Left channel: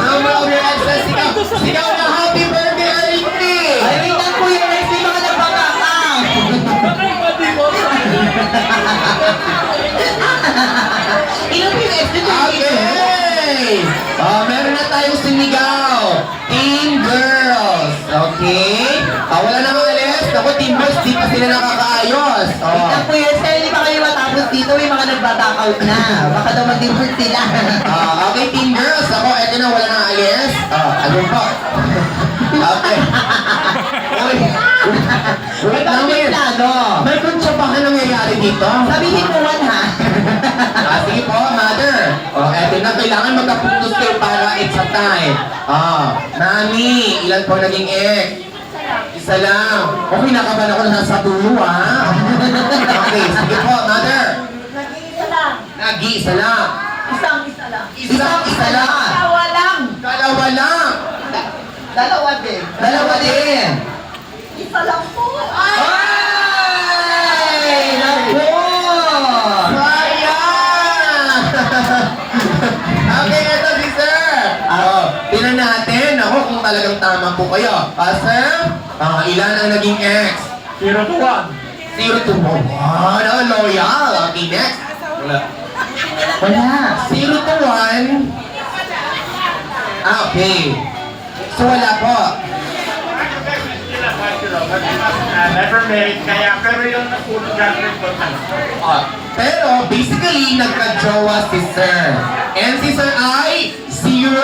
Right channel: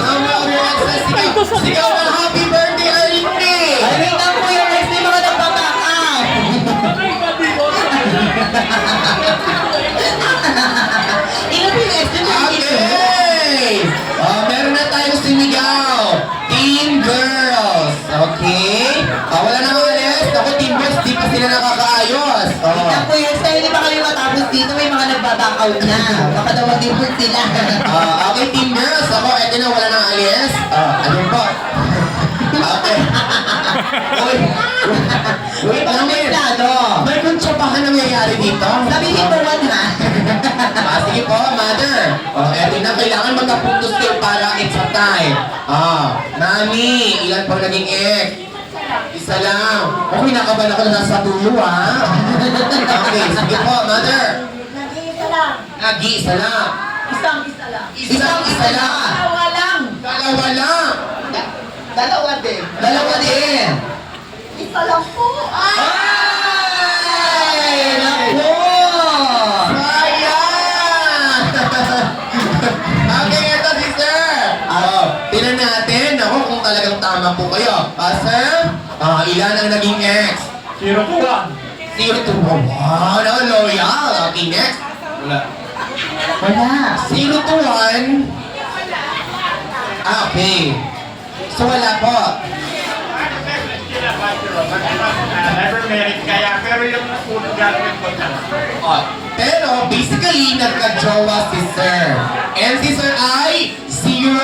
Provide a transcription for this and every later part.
Number of your exes. Sigaw na happy birthday, Arlie! Ay, wait lang po yung next day mga nagpapakam. Ino po yung ex din na Okay! Meron na tayong sinigaw. Team Girls. Okay? Wala na mga alis. Ako, Team Boys, di pa sila nakakaayos. Wait lang po yun, sir, hindi pa kayo matapos dito, may mga nagbaback out na. Baka daw mag-import sila. Okay, Team Girls. Ako, eto na, wala na alis. Ano po? Okay. Wait lang din. May kuntsabahan nangyayari dito. Sabihin mo man ha. Sige po, mother. Eto na, kailangan magkapuntos kayo para it's a time. Nani, ilan po naging ex? Isa lang. Okay, nakaban ako na nasa dulo, ha? Okay, sige po, mother. Nag-iisa lang. Nag-iisa lang. Isang-isa lang. Isa lang. Dalawa lang. Dalawa lang. Dalawa din. Dalawa din. Isa lang po. Ay! Ay! Naku! Sayang! Okay, ito si sir. Tinan natin. Ako kung talagang tama po kayo. Sir, ilan ang naging ex? 0 to 0 to 1. Wow, loyal. Okay, next. Wala. Wala. 0 to 1. Okay. So wala po. Never married kaya, pero yung graduate ko Pero basically, nagka-jowa si sir. And si sir ay 0!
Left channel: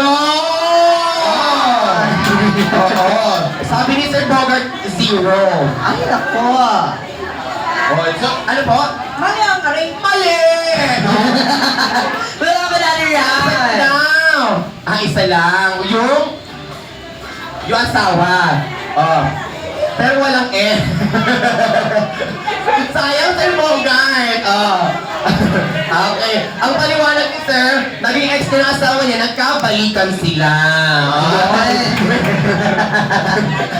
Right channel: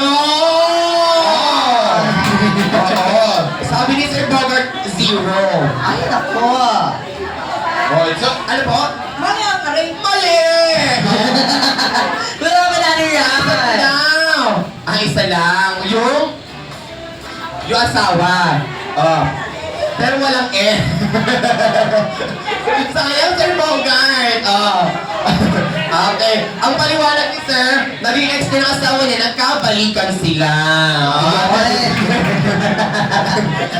Oo. Sabi ni Sir Bogart, 0. Ay, naku! So, ano po? Mali ang karin. Mali! Wala ka na yan! Now, isa lang. Yung asawa. Pero walang eh. Sayang Sir Bogart. Okay. Ang paliwanag ni Sir, naging ex na ng asawa niya, nagkabalikan sila.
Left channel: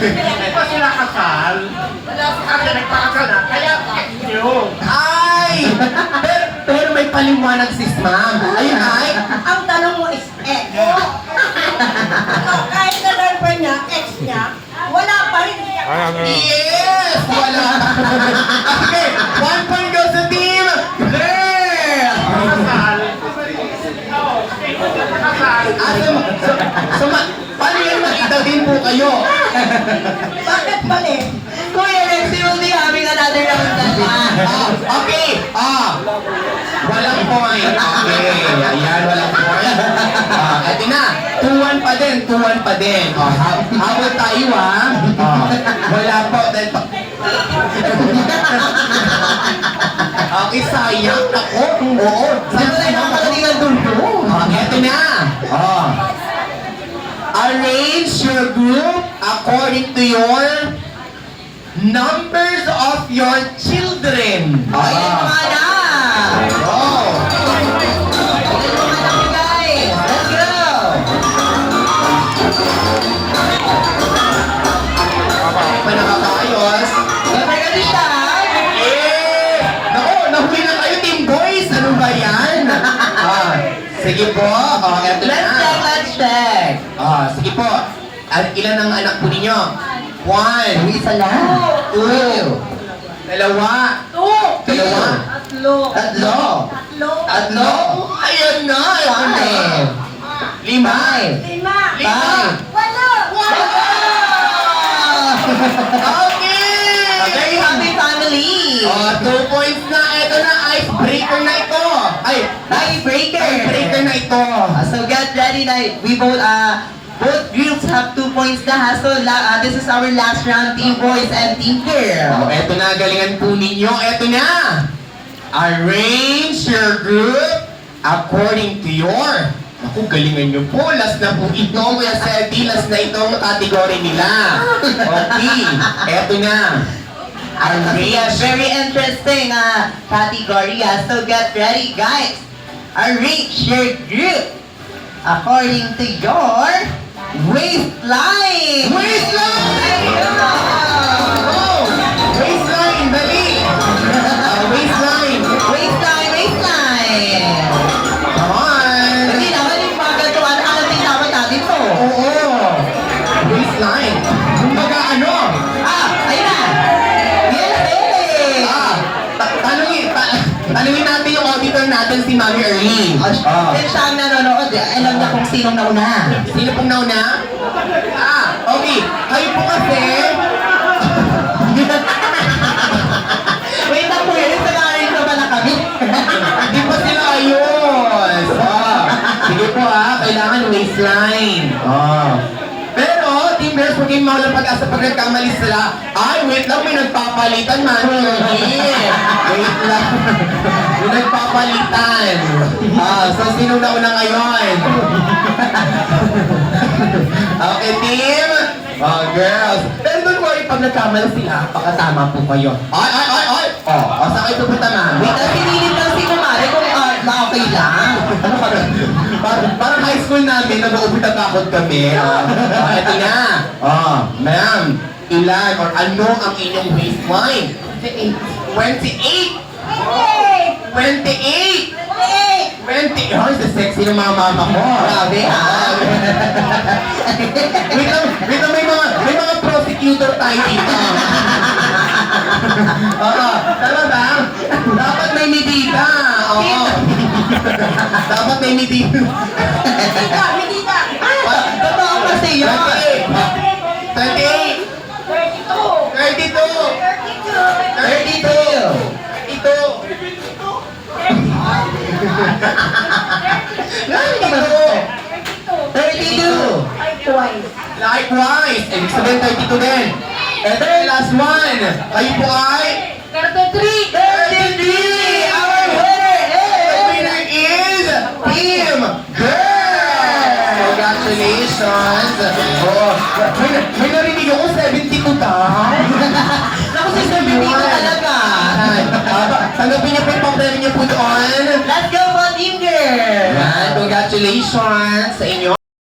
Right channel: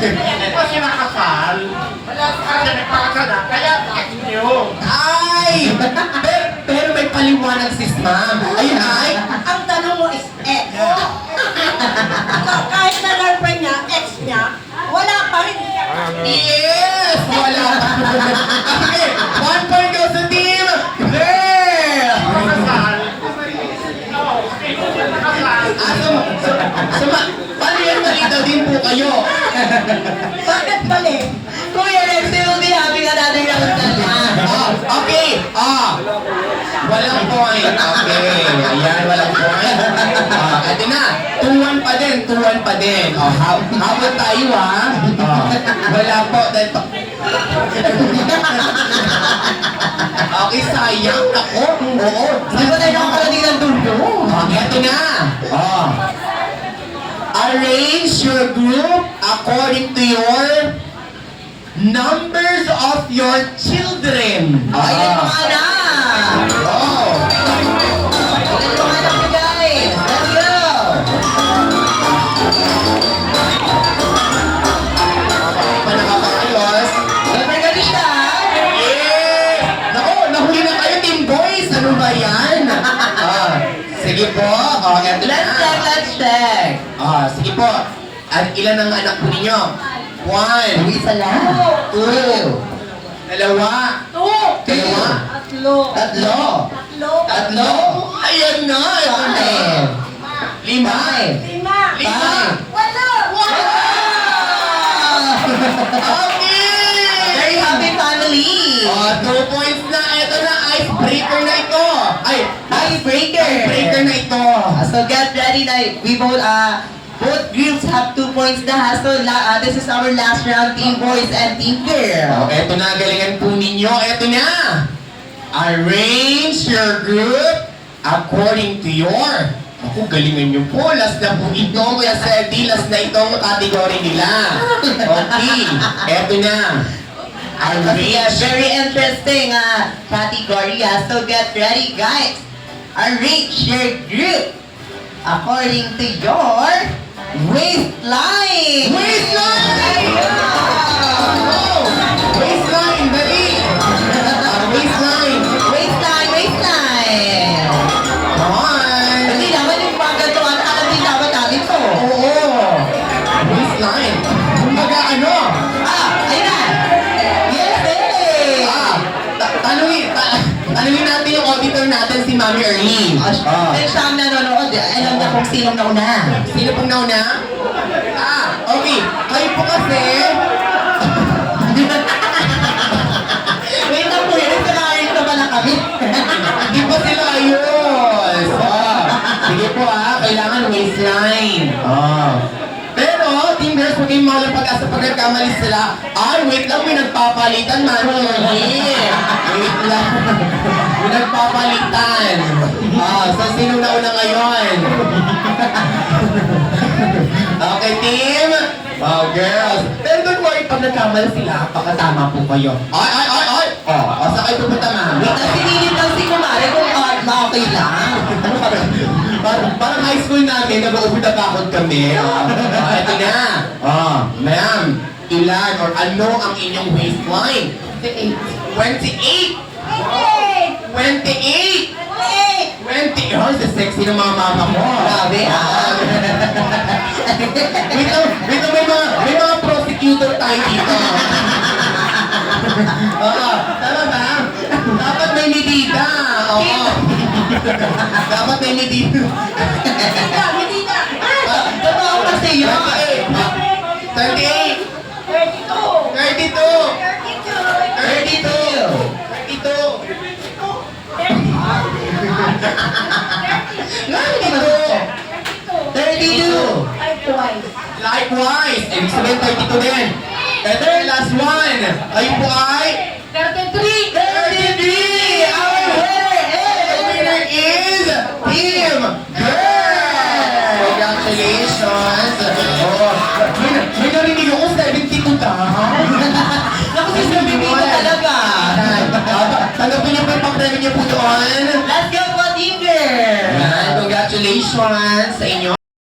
Hindi pa sila kasal. Kasi nagpakasal na, kaya ex niyo. Ay! Pero may paliwanag sis ma'am. Ayun ay, Ang tanong mo is ex. Kahit na girlfriend niya, ex niya, wala pa rin. yes! Wala. Okay, 1 point goes to team there! Kasal. Kasal. Paano yan malitaw din po kayo? Bakit mali? Kuya, next day will be having another round na lang. Okay. Walang point. Okay. Ayan, walang point. Eto na. 2-1 pa din. 2-1 pa din. Hawag tayo, ha? Wala po. Dahil pa... Okay, sayang. Ako. Oo. Di ba tayo nakapalating ng dulo? Eto na. Arrange your group according to your numbers of your children. Ay, yung mga anak! Oh. Yung mga anak, guys! Let's go! Pa nakakaayos. Siyempre ka dito, ha? Yeah! Naku, nahuli na kayo, Team Boys. Ano ba yan? Sige po. Eto na. Let's check! Sige po. At ilan ang anak po ninyo? 1, Isa lang. 2, 2, Two. Dalawa. Tatlo. Tatlo. Tatlo. Tatlo. Ayan na. Ito na. 5. 5. Lima. Wala. Okay! Very happy family! 2 points na. Ito na. Icebreaker na ito. Ay, Icebreaker! icebreaker na ito. So get ready na we both groups have 2 points na ha. So this is our last round, Team Boys and Team Girl. Ito na. Galingan po ninyo. Ito na. Arrange your group according to your... Ako, galingan nyo po. Last na po ito. Kuya Seti, last na itong category nila. Okay. Ito na. Arrange. Very interesting category. So get ready, guys. Arrange your group according to your waistline. Waistline! Yeah. Waistline, dali! Waistline! Waistline. Come on! Hindi naman yung mga ganito. Alam din naman Oh. Kaya siya ang nanonood, alam niya kung sinong nauna. Sino pong nauna? Okay. Kayo po kasi... Wait na po yun, samahin ko pala kami. Hindi pa sila ayos. Sige po kailangan waistline. Pero, Team Girls, huwag kayong mawalang pag-asa pag nagkamali sila. Ay, wait lang, may nagpapalitan, Manuel. Wait lang. May nagpapalitan. So, sino nauna ngayon? Okay, team. Girls. Pero don't worry, pag nagkamali sila, pagkatama po kayo. Ay! Saan kayo pupunta, ma'am? Wait na, pinili lang si Kumari kung okay lang. Ano ka parang high school namin, nag-uupit at takot kami. Eto na. Ma'am, ilan or ano ang inyong waistline? 28. 28! 20! Oh, sa sexy ng mga mama mo. Grabe, Wait lang, may mga prosecutor tayo dito. Tama ba? Dapat may medida. Dapat may medida. Medida! Totoo kasi yun. 28! 32! 32. Likewise! Ibig sabihin 32 din. Ito yung last one. Kayo po ay 33! Our winner is Team Girl! Congratulations! May narinig ako 72 daw. Naku, si Sir Bibito talaga. Tanggapin niyo po yung pang-premyo niyo po doon. Let's go, Team Girl! Yan, congratulations sa inyo.